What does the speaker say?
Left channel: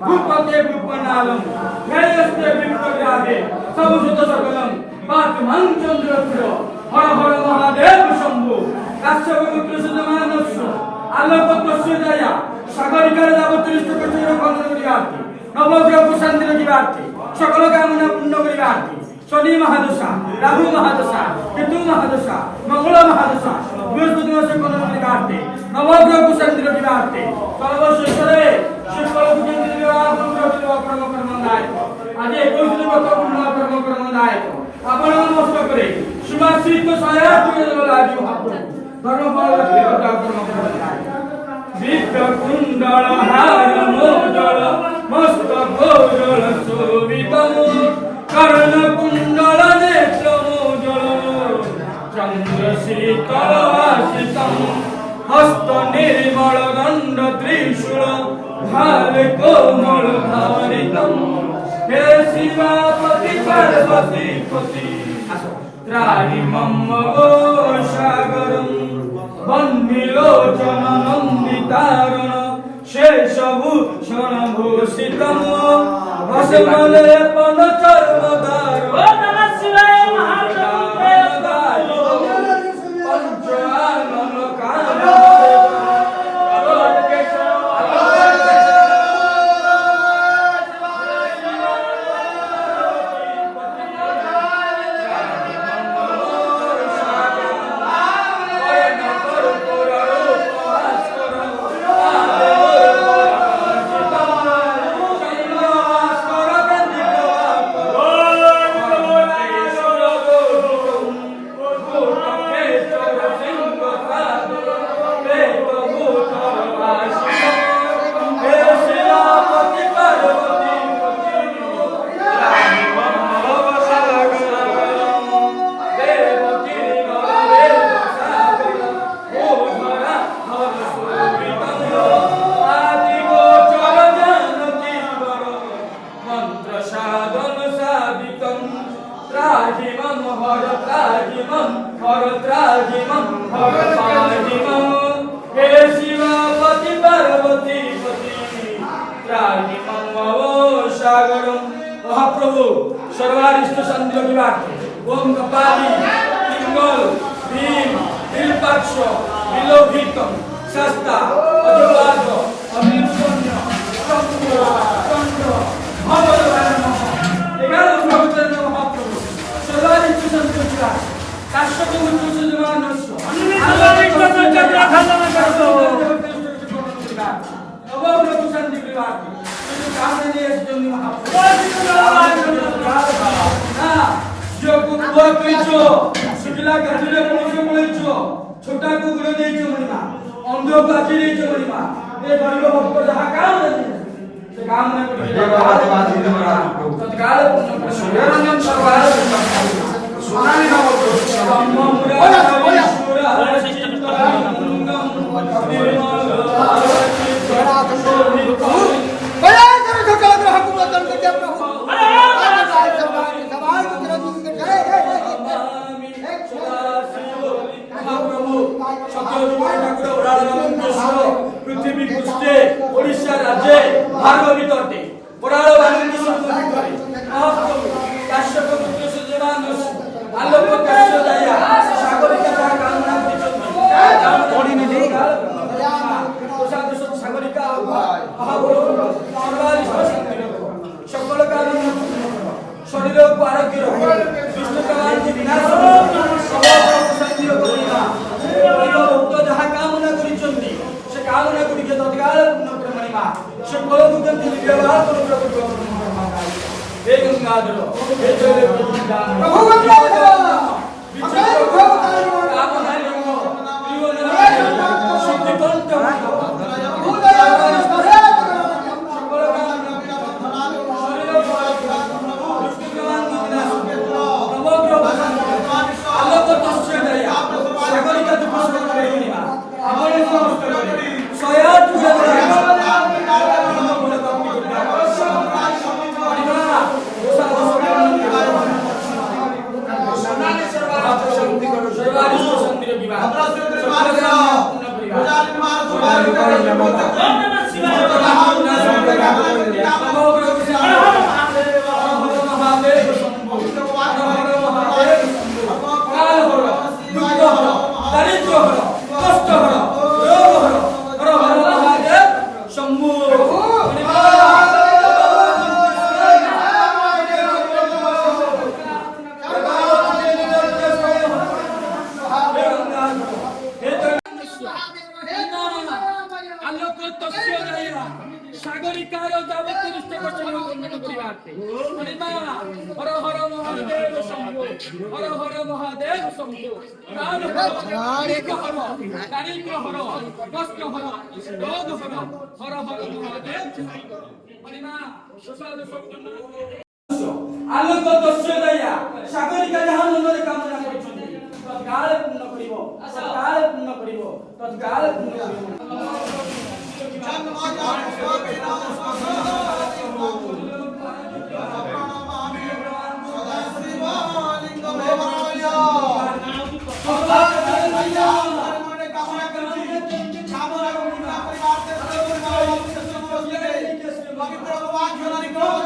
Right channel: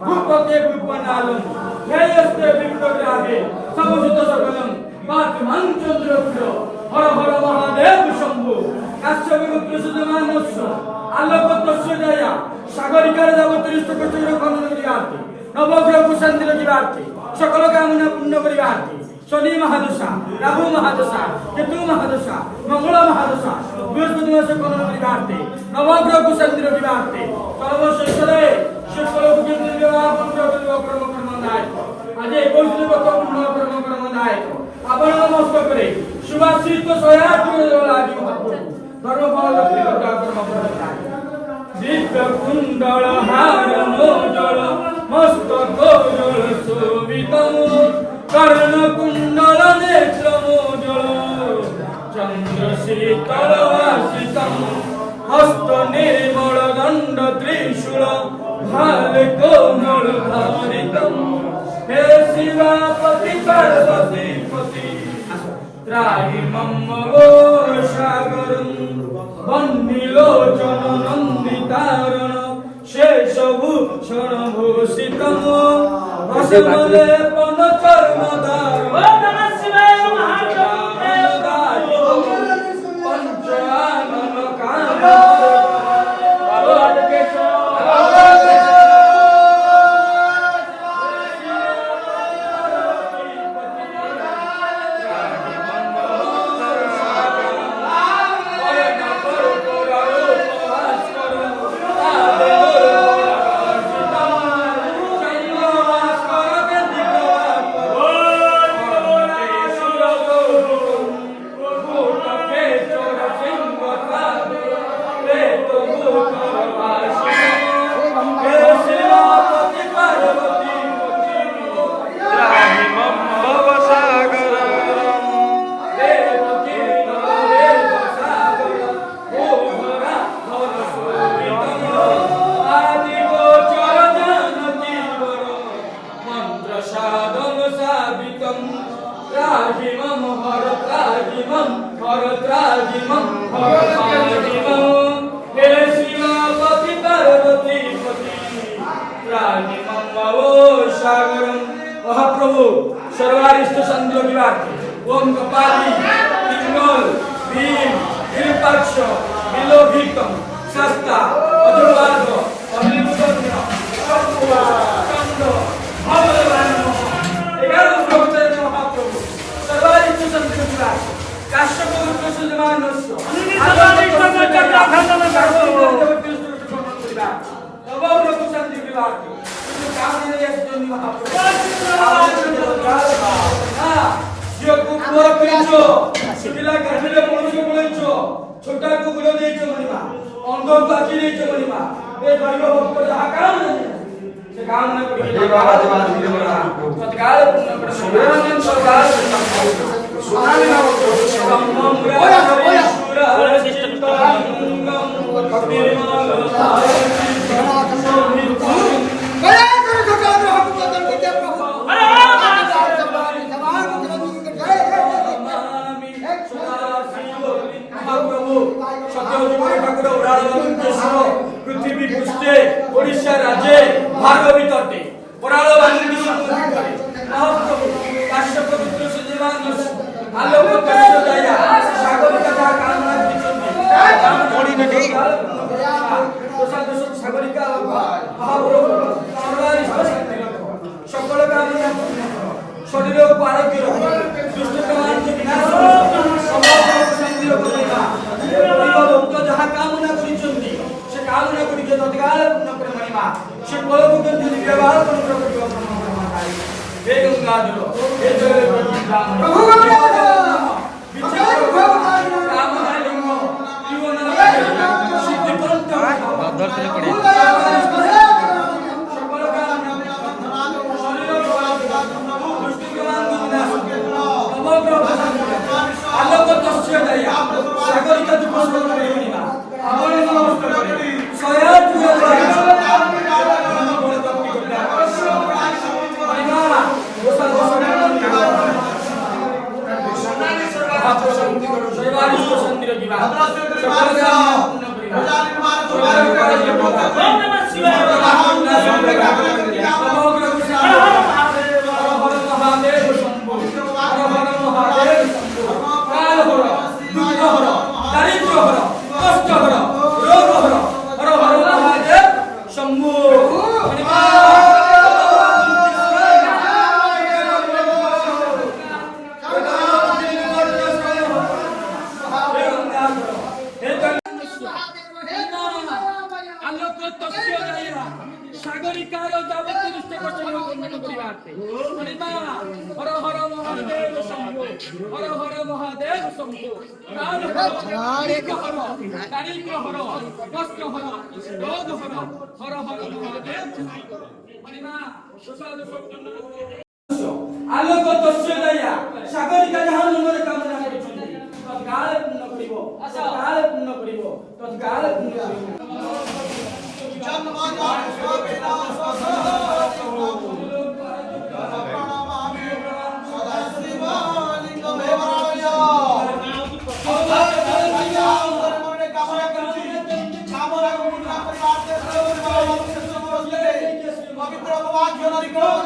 ভূপতে ভূপনালম ন্যায়স্তে বিপ্লবীরাগে সমুচিত সকলম পাঠমান চন্দ্রপুর হর হর মহাদেব শম্ভু কাশ্যপ পুত্র সুজমানস্য আলোকতস্য দয়া সাগরিকার যাবতীয় কচুর খনন করিবার্থে নবগ্রহ শান্তির জীবার্থে সকল কামনা পূর্ণ করিবার্থে শনি মহাদশা রাহু মহাদশা কেতু মহাদশা মঙ্গল মহাদশা বৃহস্পতি দশা খনন করিবার্থে নবগ্রহ শান্তির জীবার্থে সর্বশেষরে সকল কুকেন্দ্র বিবাহ পুত্র বিবাহ কর্মকর্মন্দায় আজ 21 দিন কত পূর্ণ কর্মকর্মন্দায় আপন মস্তকরে সুভাষিত সহায়ক লাগি ভাব ধর্মফল কথা কর্মকর্মন্দায় দিব্য কুণ্ডল হার মোজল মস্তক গোজল শোভিতম কর্ণ কুণ্ডল নেত্র মোজল চন্দ্র শীতল ভাসিতম হস্ত নির্মল দণ্ড ত্রিশূল ভাল কোমল ধারিতম হে শিবাপতি পার্বতী পতি ত্রাহি মম সাগরম বন্দিলোচন নন্দিতারণ শেষভূষণ ভূষিতম ভসমলে পন চর্মদার পঞ্চানন কাম महाप्रभु सर्वारिष्ट संयोगिवा ओम कपाली पिंगल भीम विरूपाक्ष विलोभितम शस्ता अजवार्ग अनिरुद्धन्य चंद्र भगवान 11 प्रवचन महाप्रभु सर्वारिष्ट संयोगिवा काश्यप पुत्र सुजमानस्য नवग्रह शांति विवाह छोटा को गुण दे मणिमा अंधो को आखि दे मणिमा ए गरीब भक्त जहां काम से काम न करी तत्काल सुरनंदन सर्वार सोनाली नाम पृथ्वी पृष्ठे ओडिशा राज्य भार्गवी तटे ओराल वाल्मीकि संबंधी महाप्रभु काश्यप पुत्र सुजमानस्য आलोकतस्য दया सागरिका कामना दिचन्ति प्रसाद सागरिका महाप्रभु सर्वारिष्ट शांति सकल कामना शरीर को आरोग्य रखो दुष्ट कामना की विनाश शांति रखो भक्त जहाँ कामना करिचन्ति से कामना गुड़िके तत्काल पूर्ण करे महिमा से कलमुखन जनि व्यवहार करू प्रकट हे गंगाधर हे जय प्रभु कामना लिंग जीवन सिद्धि कंठ Abraço, সাগরিকারও যাবতীয় দুষ্ট কষ্ট বন্ধন করিবার্থে মা হর হর মহাদেব শম্ভু হর হর মহাদেব শম্ভু প্রাণ হর দারিদ্র হর কষ্ট হর রোগ হর হর হর মহাদেব মা প্রসাদ সম্পন্ন আলোক তস্য দয়া সাগরিকা যাহা মନରେ কামনা কৰিছন্তি তৎকালে পূৰ্ণ কৰিব তৎকালে পূৰ্ণ কৰিব তৎকালে পূৰ্ণ কৰিব পবিত্র